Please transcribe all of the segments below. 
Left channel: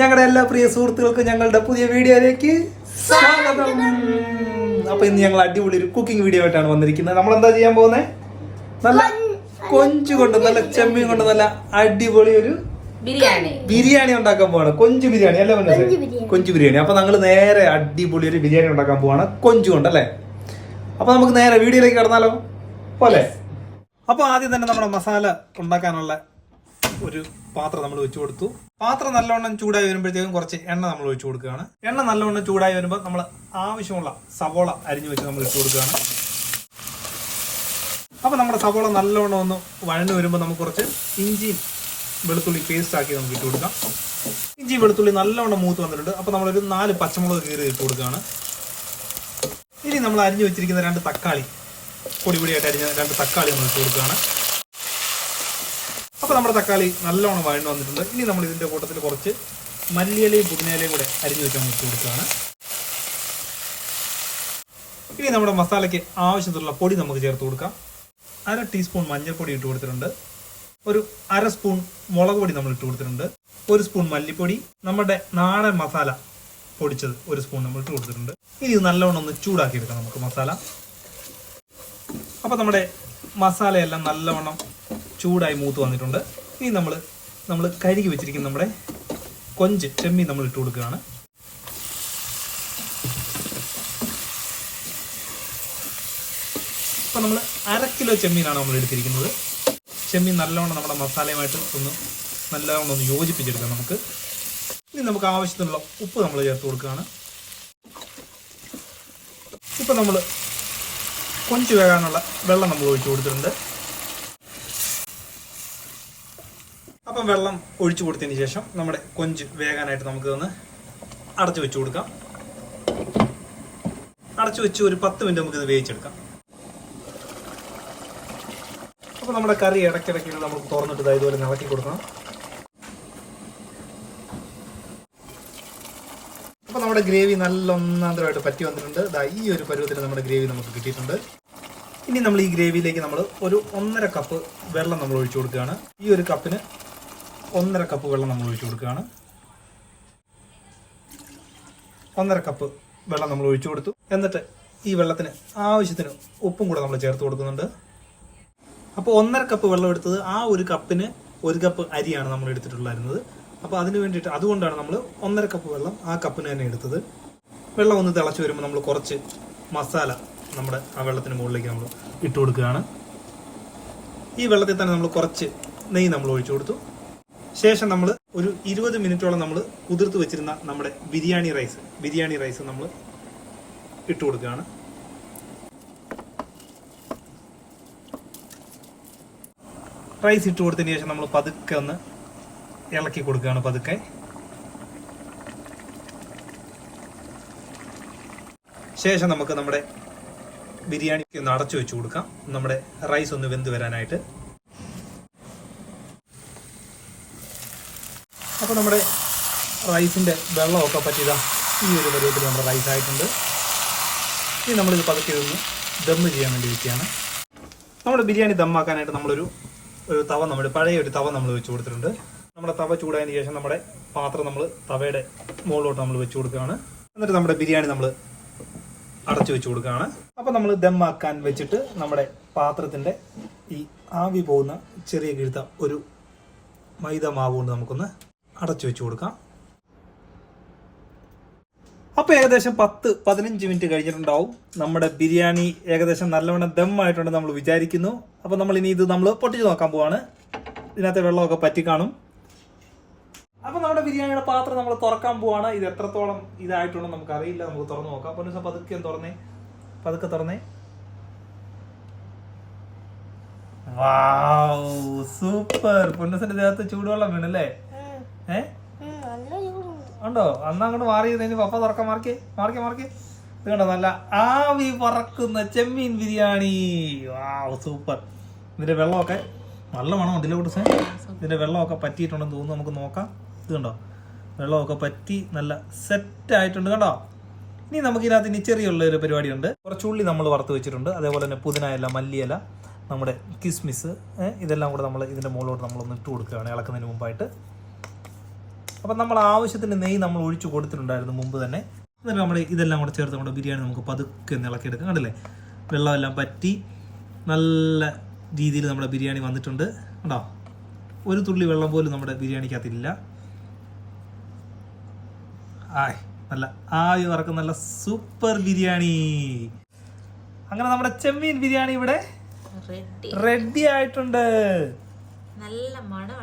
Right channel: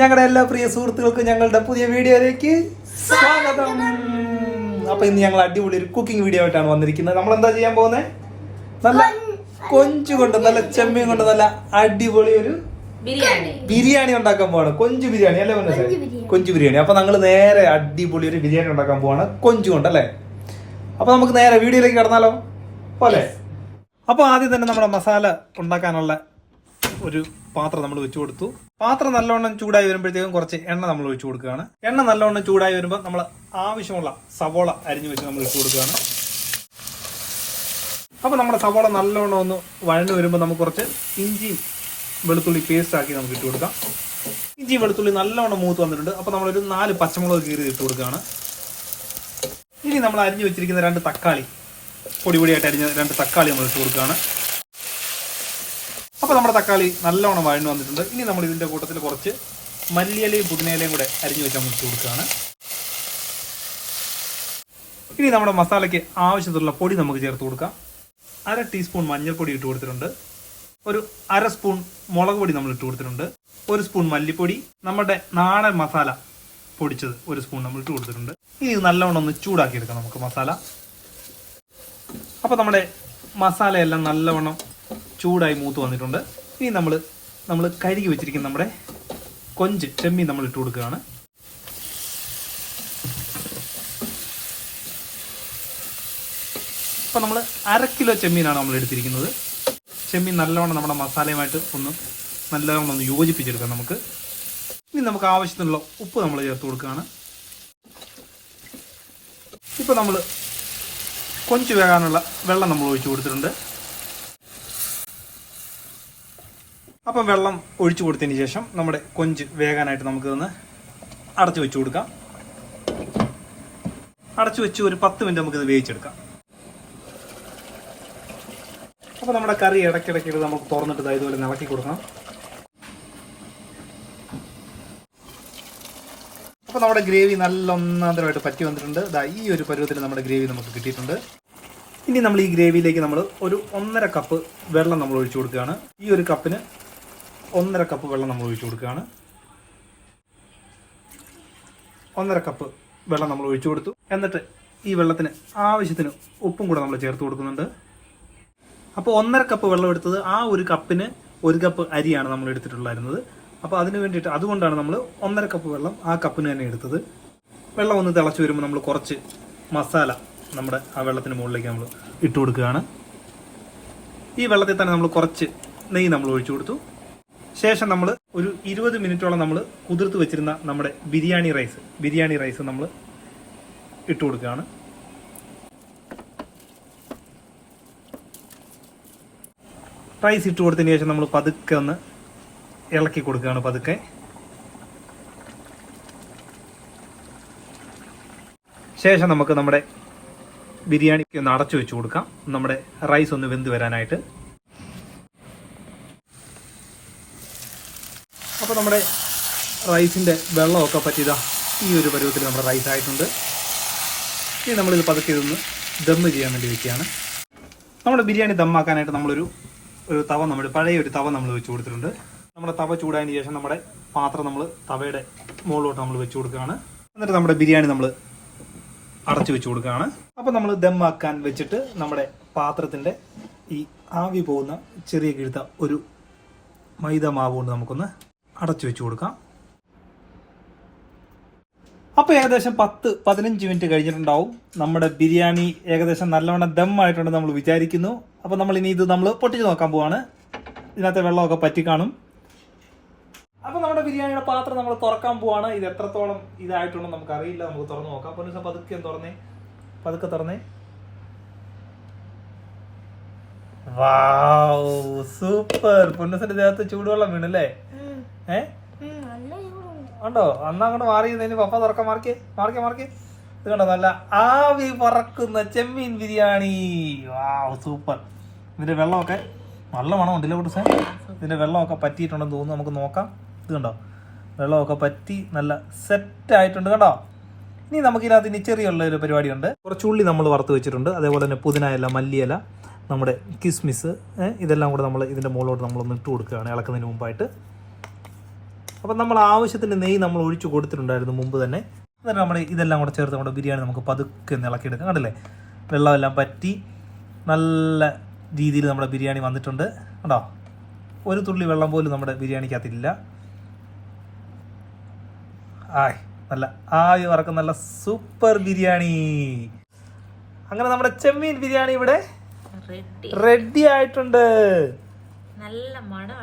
ഞങ്ങളുടെ എല്ലാ പ്രിയ സുഹൃത്തുക്കൾക്കും ഞങ്ങളുടെ പുതിയ വീഡിയോയിലേക്ക് സ്വാഗതം. അപ്പൊ ഇന്ന് ഞങ്ങൾ അടിപൊളി ഒരു കുക്കിംഗ് വീഡിയോ ആയിട്ടാണ് വന്നിരിക്കുന്നത്. നമ്മൾ എന്താ ചെയ്യാൻ പോകുന്നത് നല്ല കൊഞ്ചു കൊണ്ട് നല്ല ചെമ്മീൻ കൊണ്ട് നല്ല അടിപൊളി ഒരു ബിരിയാണി. ബിരിയാണി ഉണ്ടാക്കാൻ പോവാണ്. കൊഞ്ചു ബിരിയാണി അല്ലേ മനസ്സേ കൊഞ്ചു ബിരിയാണി. അപ്പൊ ഞങ്ങൾ നേരെ അടിപൊളി ഒരു ബിരിയാണി ഉണ്ടാക്കാൻ പോവാണ്. കൊഞ്ചു കൊണ്ട് അല്ലേ? അപ്പൊ നമുക്ക് നേരെ വീഡിയോയിലേക്ക് കടന്നാലോ? പോലെ. അപ്പൊ ആദ്യം തന്നെ നമ്മുടെ മസാല ഉണ്ടാക്കാനുള്ള ഒരു പാത്രം നമ്മൾ വെച്ചു കൊടുത്തു. പാത്രം നല്ലവണ്ണം ചൂടായി വരുമ്പോഴത്തേക്കും കുറച്ച് എണ്ണ നമ്മൾ ഒഴിച്ചു കൊടുക്കുകയാണ്. എണ്ണ നല്ലവണ്ണം ചൂടായി വരുമ്പോൾ നമ്മൾ ആവശ്യമുള്ള സവോള അരിഞ്ഞു വെച്ച് നമ്മൾ ഇട്ട് കൊടുക്കുകയാണ്. അപ്പൊ നമ്മുടെ സവോള നല്ലവണ്ണം ഒന്ന് വഴന്നു വരുമ്പോൾ നമുക്ക് കുറച്ച് ഇഞ്ചിയും വെളുത്തുള്ളി പേസ്റ്റ് ആക്കി നമുക്ക് ഇട്ട് കൊടുക്കാം. ഇഞ്ചി വെളുത്തുള്ളി നല്ലവണ്ണം മൂത്ത് വന്നിട്ടുണ്ട്. അപ്പൊ നമ്മളൊരു നാല് പച്ചമുളക് കീറി ഇട്ട് കൊടുക്കുകയാണ്. ഇനി നമ്മൾ അരിഞ്ഞു വെച്ചിരിക്കുന്ന രണ്ട് തക്കാളി പൊടി പൊടിയായിട്ട് അരിഞ്ഞ രണ്ട് തക്കാളി നമ്മൾ ഇട്ട് കൊടുക്കുകയാണ്. അപ്പൊ നമ്മുടെ തക്കാളി നല്ലവണ്ണം വഴന്നു വന്നിട്ടുണ്ട്. ഇനി നമ്മൾ ഇതിന്റെ കൂട്ടത്തിൽ കുറച്ച് മല്ലിയിലയും പുതിനയിലയും കൂടെ അരിഞ്ഞു വെച്ചാൽ മുറിച്ച് കൊടുക്കുകയാണ്. ഇനി നമ്മുടെ മസാലയ്ക്ക് ആവശ്യത്തിലുള്ള പൊടി നമുക്ക് ചേർത്ത് കൊടുക്കാം. അര ടീസ്പൂൺ മഞ്ഞൾപ്പൊടി ഇട്ട് കൊടുത്തിട്ടുണ്ട്. ഒരു അര സ്പൂൺ മുളക് പൊടി നമ്മൾ ഇട്ട് കൊടുത്തിട്ടുണ്ട്. ഒരു സ്പൂൺ മല്ലിപ്പൊടി നമ്മുടെ നാടൻ മസാല പൊടിച്ചത് ഒരു സ്പൂൺ നമ്മൾ ഇട്ട് കൊടുത്തിട്ടുണ്ട്. ഇനി ഇത് നല്ലവണ്ണം ഒന്ന് ചൂടാക്കി എടുക്കാം നമുക്ക് മസാല. അപ്പൊ നമ്മുടെ മസാലയെല്ലാം നല്ലവണ്ണം ചൂടായി മൂത്ത് വന്നിട്ടുണ്ട്. ഇനി നമ്മൾ നമ്മൾ കഴുകി വെച്ചിരിക്കുന്ന നമ്മുടെ കൊഞ്ച് ചെമ്മീൻ നമ്മൾ ഇട്ട് കൊടുക്കുകയാണ്. അപ്പൊ നമ്മൾ അര കിലോ ചെമ്മീനാണ് നമ്മൾ എടുത്തിരിക്കുന്നത്. ചെമ്മീൻ നല്ലോണം നമ്മുടെ മസാലയുമായിട്ട് ഒന്ന് നല്ലോണം ഒന്ന് യോജിപ്പിച്ചെടുക്കാം നമുക്ക്. ഇനി നമുക്ക് ആവശ്യത്തിനുള്ള ഉപ്പ് നമ്മൾ ചേർത്ത് കൊടുക്കുകയാണ്. ഇപ്പൊ നമ്മൾ കൊഞ്ച് വേകാനുള്ള വെള്ളം നമ്മൾ ഒഴിച്ചു കൊടുത്തിട്ടുണ്ട്. അപ്പം വെള്ളം ഒഴിച്ചു കൊടുത്തതിന് ശേഷം നമ്മുടെ കൊഞ്ച് വേകാനായിട്ട് നമുക്ക് ഒന്ന് അടച്ചു വെച്ചു കൊടുക്കാം. അടച്ചു വെച്ച് ഒരു പത്ത് മിനിറ്റ് നമുക്കിത് ഇത് വേവിച്ചെടുക്കാം. അപ്പോൾ നമ്മുടെ കറി ഇടയ്ക്കിടയ്ക്ക് നമുക്ക് തുറന്നിട്ട് ഇതുപോലെ നിളക്കി കൊടുക്കണം. അപ്പോൾ നമ്മുടെ ഗ്രേവി നല്ല ഒന്നാന്തരമായിട്ട് പറ്റി വന്നിട്ടുണ്ട്. ദാ ഈ ഒരു പരുവത്തിൽ നമ്മുടെ ഗ്രേവി നമുക്ക് കിട്ടിയിട്ടുണ്ട്. ഇനി നമ്മൾ ഈ ഗ്രേവിയിലേക്ക് നമ്മൾ ഒരു ഒന്നര കപ്പ് വെള്ളം നമ്മൾ ഒഴിച്ചു കൊടുക്കുകയാണ്. ഈ ഒരു കപ്പിന് ഒന്നര കപ്പ് വെള്ളം നമ്മൾ ഒഴിച്ചു കൊടുക്കുകയാണ്. ഒന്നര കപ്പ് വെള്ളം നമ്മൾ ഒഴിച്ചു കൊടുത്തു. എന്നിട്ട് ഈ വെള്ളത്തിന് ആവശ്യത്തിന് ഉപ്പും കൂടെ നമ്മൾ ചേർത്ത് കൊടുക്കുന്നുണ്ട്. അപ്പോൾ ഒന്നര കപ്പ് വെള്ളം എടുത്തത് ആ ഒരു കപ്പിന് ഒരു കപ്പ് അരിയാണ് നമ്മൾ എടുത്തിട്ടുണ്ടായിരുന്നത്. അപ്പോൾ അതിന് വേണ്ടിയിട്ട് അതുകൊണ്ടാണ് നമ്മൾ ഒന്നര കപ്പ് വെള്ളം ആ കപ്പിന് തന്നെ എടുത്തത്. വെള്ളം ഒന്ന് തിളച്ച് വരുമ്പോൾ നമ്മൾ കുറച്ച് മസാല നമ്മുടെ ആ വെള്ളത്തിന് മുകളിലേക്ക് നമ്മൾ ഇട്ട് കൊടുക്കുകയാണ്. ഈ വെള്ളത്തിൽ തന്നെ നമ്മൾ കുറച്ച് നെയ്യ് നമ്മൾ ഒഴിച്ചു കൊടുത്തു. ശേഷം നമ്മൾ ഒരു ഇരുപത് മിനിറ്റോളം നമ്മൾ കുതിർത്ത് വെച്ചിരുന്ന നമ്മുടെ ബിരിയാണി റൈസ് ബിരിയാണി റൈസ് നമ്മൾ ഇട്ട് കൊടുക്കുകയാണ്. റൈസ് ഇട്ട് കൊടുത്തതിന് ശേഷം നമ്മൾ പതുക്കെ ഒന്ന് ഇളക്കി കൊടുക്കുകയാണ് പതുക്കെ. ശേഷം നമുക്ക് നമ്മുടെ ബിരിയാണിക്ക് ഒന്ന് അടച്ചു വെച്ച് കൊടുക്കാം. നമ്മുടെ റൈസ് ഒന്ന് വെന്ത് വരാനായിട്ട്. അപ്പോൾ നമ്മുടെ റൈസിന്റെ വെള്ളമൊക്കെ പറ്റിയതാ ഈ ഒരു പരുവത്തിൽ നമ്മുടെ റൈസ് ആയിട്ടുണ്ട്. ഇനി നമ്മളിത് പതുക്കെ ഇതൊന്ന് ദം ചെയ്യാൻ വേണ്ടി വെക്കുകയാണ്. നമ്മുടെ ബിരിയാണി ദമ്മാക്കാനായിട്ട് നമ്മളൊരു ഒരു തവ നമ്മൾ പഴയ ഒരു തവ നമ്മൾ വെച്ച് കൊടുത്തിട്ടുണ്ട്. നമ്മുടെ തവ ചൂടായതിന് ശേഷം നമ്മുടെ പാത്രം നമ്മൾ തവയുടെ മുകളിലോട്ട് നമ്മൾ വെച്ച് കൊടുക്കുകയാണ്. എന്നിട്ട് നമ്മുടെ ബിരിയാണി നമ്മൾ അടച്ചു വെച്ച് കൊടുക്കുകയാണ്. അപ്പോൾ നമ്മൾ ദമ്മാക്കാൻ വെച്ചിട്ട് നമ്മുടെ പാത്രത്തിന്റെ ഈ ആവി പോകുന്ന ചെറിയ കിഴുത്ത ഒരു മൈദ മാവ് കൊണ്ട് നമുക്കൊന്ന് അടച്ചു വെച്ച് കൊടുക്കാം. അപ്പോൾ ഏകദേശം പത്ത് പതിനഞ്ച് മിനിറ്റ് കഴിഞ്ഞിട്ടുണ്ടാവും. നമ്മുടെ ബിരിയാണി ഏകദേശം നല്ലവണ്ണം ദം ആയിട്ടുണ്ട് നമ്മൾ വിചാരിക്കുന്നു. അപ്പോൾ നമ്മൾ ഇനി ഇത് നമ്മൾ പൊട്ടിച്ച് നോക്കാൻ പോവാണ്. ഇതിനകത്തെ വെള്ളമൊക്കെ പറ്റി കാണും. അപ്പോൾ നമ്മുടെ ബിരിയാണിയുടെ പാത്രം നമ്മൾ തുറക്കാൻ പോവാണ്. ഇത് എത്രത്തോളം ഇതായിട്ടുണ്ടോ നമുക്ക് അറിയില്ല നമുക്ക് തുറന്ന് നോക്കാം. പൊന്നുസ പതുക്കെ ഒന്ന് തുറന്നേ. പതുക്കെ തുറന്നേ. സൂപ്പർ. പൊന്നസിന്റെ ദേഹത്ത് ചൂടുവെള്ളം വീണല്ലേ? ഏ? ഉണ്ടോ? അന്ന് അങ്ങോട്ട് മാറി ഇനി പപ്പ തുറക്ക. മാർക്കേ മാർക്കേ മാർക്കേ ഇത് കണ്ടോ? നല്ല ആവി പറക്കുന്ന ചെമ്മീൻ ബിരിയാണി. Wow super. ഇതിന്റെ വെള്ളമൊക്കെ നല്ല മണം ഉണ്ടല്ലോ കുട്ടിസേ ഇതിന്റെ വെള്ളമൊക്കെ പറ്റിയിട്ടുണ്ടെന്ന് തോന്നുന്നു. നമുക്ക് നോക്കാം. ഇത് കണ്ടോ? വെള്ളമൊക്കെ പറ്റി നല്ല സെറ്റ് ആയിട്ടുണ്ട് കേട്ടോ ഇനി നമുക്ക് ഇതിനകത്ത് ഇനി ചെറിയുള്ള ഒരു പരിപാടിയുണ്ട്. കുറച്ച് ഉള്ളി നമ്മൾ വറുത്ത് വെച്ചിട്ടുണ്ട്. അതേപോലെ തന്നെ പുതിന ഇല മല്ലിയില നമ്മുടെ കിസ്മിസ് ഇതെല്ലാം കൂടെ നമ്മൾ ഇതിന്റെ മുകളിലോട്ട് നമ്മളൊന്ന് ഇട്ട് കൊടുക്കുകയാണ്. ഇളക്കുന്നതിന് മുമ്പായിട്ട്. അപ്പം നമ്മൾ ആവശ്യത്തിന് നെയ്യ് നമ്മൾ ഒഴിച്ചു കൊടുത്തിട്ടുണ്ടായിരുന്നു മുമ്പ് തന്നെ. എന്നിട്ട് നമ്മൾ ഇതെല്ലാം കൂടെ ചേർത്ത് നമ്മുടെ ബിരിയാണി നമുക്ക് പതുക്കെ ഒന്ന് ഇളക്കിയെടുക്കാം. കണ്ടില്ലേ? വെള്ളമെല്ലാം പറ്റി നല്ല രീതിയിൽ നമ്മുടെ ബിരിയാണി വന്നിട്ടുണ്ട്. കേട്ടോ ഒരു തുള്ളി വെള്ളം പോലും നമ്മുടെ ബിരിയാണിക്കകത്തില്ല. ആയ് നല്ല ആയി വറക്കം നല്ല സൂപ്പർ ബിരിയാണി. അങ്ങനെ നമ്മുടെ ചെമ്മീൻ ബിരിയാണി ഇവിടെ റെഡി. ആയിട്ടുണ്ട്. നല്ല മണം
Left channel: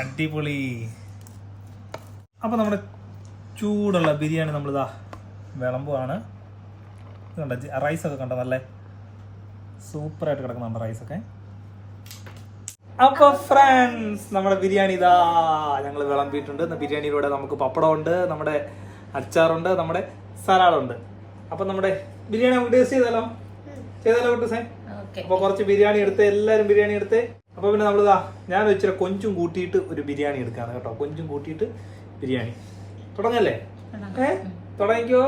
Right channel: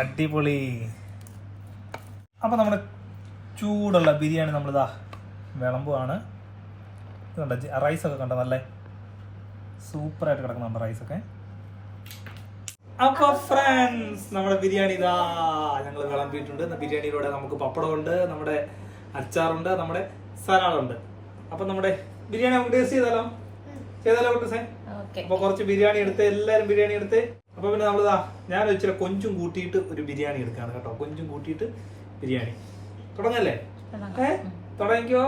അടിപൊളി. അപ്പൊ നമ്മുടെ ചൂടുള്ള ബിരിയാണി നമ്മളിതാ വിളമ്പുവാണ്. കണ്ട റൈസ് ഒക്കെ കണ്ട നല്ല സൂപ്പറായിട്ട് കിടക്കുന്നുണ്ട് റൈസ് ഒക്കെ. അപ്പൊ ഫ്രണ്ട്സ് നമ്മുടെ ബിരിയാണി ഇതാ ഞങ്ങൾ വിളമ്പിയിട്ടുണ്ട്. ബിരിയാണിയിലൂടെ നമുക്ക് പപ്പടം ഉണ്ട് നമ്മുടെ അച്ചാറുണ്ട് നമ്മുടെ സലാഡുണ്ട്. അപ്പൊ നമ്മുടെ ബിരിയാണി നമുക്ക് ടേസ്റ്റ് ചെയ്താലോ? ചെയ്താലോ കുട്ടസേ? അപ്പോൾ അപ്പൊ കുറച്ച് ബിരിയാണി എടുത്ത് എല്ലാരും ബിരിയാണി എടുത്ത്. അപ്പൊ പിന്നെ നമ്മളിതാ ഞാൻ ഇച്ചിരി കൊഞ്ചും കൂട്ടിയിട്ട് ഒരു ബിരിയാണി എടുക്കാണ് കേട്ടോ. കൊഞ്ചും കൂട്ടിയിട്ട് ബിരിയാണി. തുടങ്ങല്ലേ? ഏ? തുടങ്ങിക്കോ.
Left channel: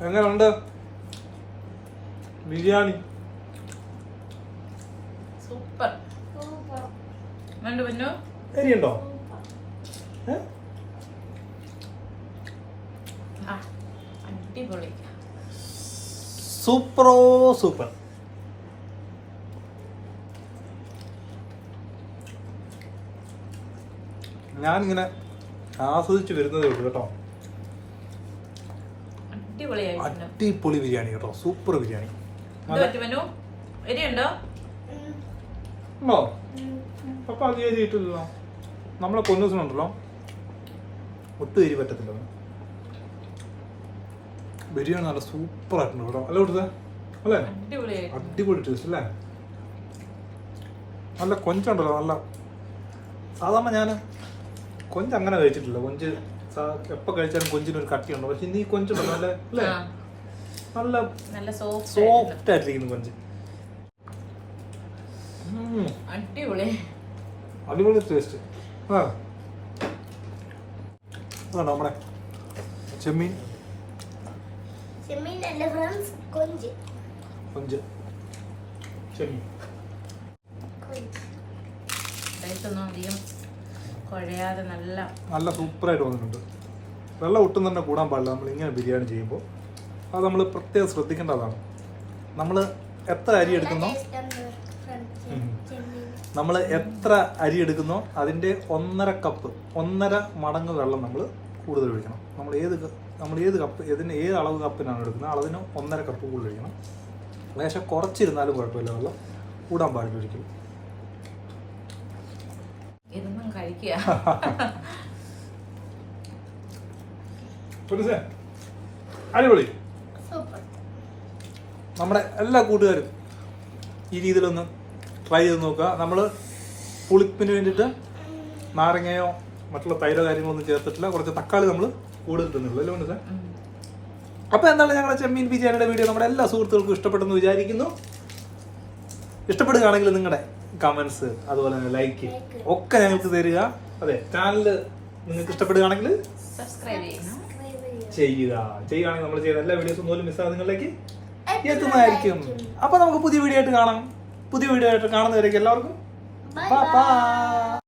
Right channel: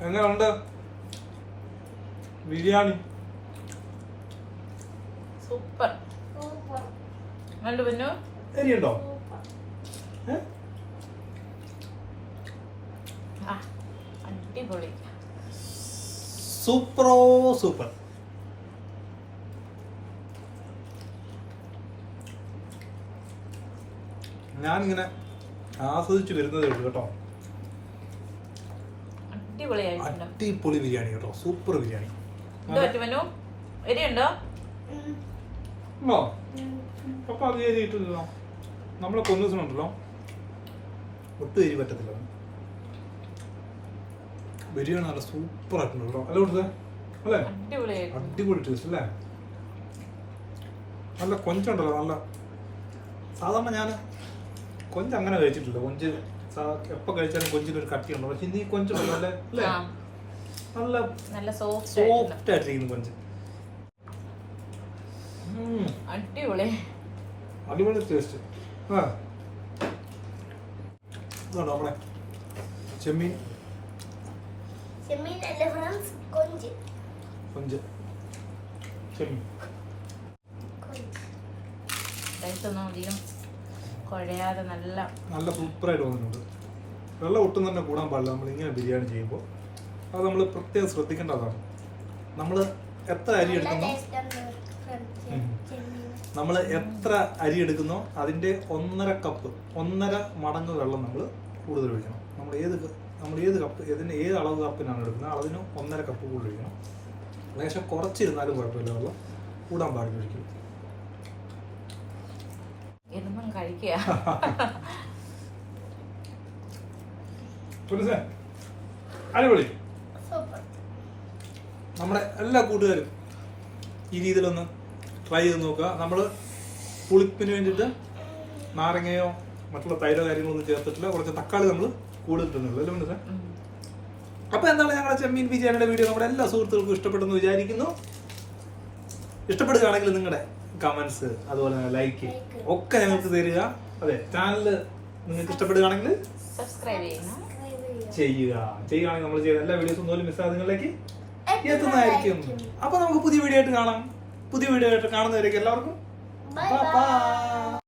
എങ്ങനെയുണ്ട് ബിരിയാണി. സൂപ്പർ. എരിയുണ്ടോ ആ അടിപൊളി. സൂപ്പറോ സൂപ്പർ. ഞാനിങ്ങനെ ആസ്വദിച്ച് വരുന്നതേ ഉള്ളൂ കേട്ടോ. അടിപൊളി ബിരിയാണി കേട്ടോ. സൂപ്പർ ബിരിയാണി. അപ്പൊ അത് എരിയിട്ടില്ല നമ്മളെ കൊന്നൂസിനുണ്ടല്ലോ ഒട്ടും എരി പറ്റത്തില്ല. ബിരിയാണി നല്ല സൂപ്പർ ആയിട്ടുണ്ട് കേട്ടോ അല്ല കൊടുത്തേ? അല്ലേ? അടിപൊളി ടേസ്റ്റ് അല്ലേ? നല്ല കൊഞ്ചുണ്ടല്ലോ നല്ല. സാധാരണ ഞാൻ കൊഞ്ച് അങ്ങനെ കഴിച്ചിട്ടില്ല. കൊഞ്ച് എപ്പോൾ എപ്പോ കഴിച്ചാലും കൊഞ്ചിനൊരു കട്ടിയുണ്ടോ. പക്ഷെ ഇനി കൊഞ്ചുണ്ടല്ലോ നല്ല അല്ലേ? നല്ല നല്ല സോഫ്റ്റ് ആയിട്ടിരിക്കുന്നു കൊഞ്ച്. അടിപൊളി. അടിപൊളി ടേസ്റ്റ് ആ. നമ്മുടെ ചെമ്മീൻ. ചെമ്മീൻ അല്ല ഫ്രണ്ട്സ് കൊഞ്ച്. കൊഞ്ച്. ചെമ്മീൻ കൊഞ്ച്. റൈസൊന്നും അധികം കുഴയാതെ നല്ല നല്ല സൂപ്പറായിട്ട് വന്നിട്ടുണ്ട്. വെള്ളം ഒട്ടും തന്നെ കൂടാൻ പാടില്ല. നമ്മൾ ഇങ്ങനെ ബിരിയാണി ചെയ്യുമ്പോൾ അത് നമ്മൾ പ്രത്യേകം ശ്രദ്ധിക്കേണ്ടതാണ്. നമ്മൾ എത്ര അരി എടുക്കുന്നു നമ്മൾ എത്ര അരി എടുക്കുന്നോ അതിന്റെ ഒന്നര കപ്പ് ഒന്നര മടങ്ങ് വെള്ളം നമ്മൾ കൂടുതൽ ഒഴിക്കണം. നമ്മൾ ഏത് നമ്മൾ ഏത് കപ്പ് ഇതിന് ഏത് അളവ് കപ്പിനാണ് എടുക്കുന്നത്? അളവിന് ഒന്നര കപ്പ് കൂടുതൽ ഒഴിക്കണം ലേശം കുറച്ചിരുന്നാലും കുഴപ്പമില്ല. വെള്ളം കൂടാൻ പാടില്ല ഒരിക്കലും. ഇരുന്നും കഴിക്കുക. അടിപൊളി. സൂപ്പർ. നമ്മുടെ എല്ലാ കൂട്ടുകാരും ഈ രീതിയിലൊന്ന് ട്രൈ ചെയ്ത് നോക്കുക. നമ്മൾ പുളിപ്പിന് വേണ്ടിയിട്ട് നാരങ്ങയോ മറ്റുള്ള തൈര കാര്യങ്ങളൊന്നും ചേർത്തിട്ടില്ല. കുറച്ച് തക്കാളി നമ്മൾ കൂടുതൽ തിന്നുള്ളൂ അല്ലേ. അപ്പോൾ എന്താണ് ഞങ്ങളുടെ ചെമ്മീൻ ബിരിയാണിയുടെ വീഡിയോ നമ്മുടെ എല്ലാ സുഹൃത്തുക്കൾക്കും ഇഷ്ടപ്പെട്ടെന്ന് വിചാരിക്കുന്നു. ഇഷ്ടപ്പെടുകയാണെങ്കിൽ നിങ്ങളുടെ കമന്റ്സ് അതുപോലെ തന്നെ ലൈക്ക് Like. ഒക്കെ ഞങ്ങൾക്ക് തരിക. അതെ ചാനൽ നിങ്ങൾക്ക് ഇഷ്ടപ്പെടുകയാണെങ്കിൽ സബ്സ്ക്രൈബ് ചെയ്യുക ചെയ്യുക. ചെയ്യുകയാണെങ്കിൽ നമ്മൾ ചെയ്ത എല്ലാ വീഡിയോസും പോലും മിസ്സാതെ നിങ്ങളിലേക്ക് എത്തുന്നതായിരിക്കും. അപ്പൊ നമുക്ക് പുതിയ വീഡിയോ ആയിട്ട് കാണാം. പുതിയ വീഡിയോ ആയിട്ട് കാണുന്നവരേക്ക് എല്ലാവർക്കും.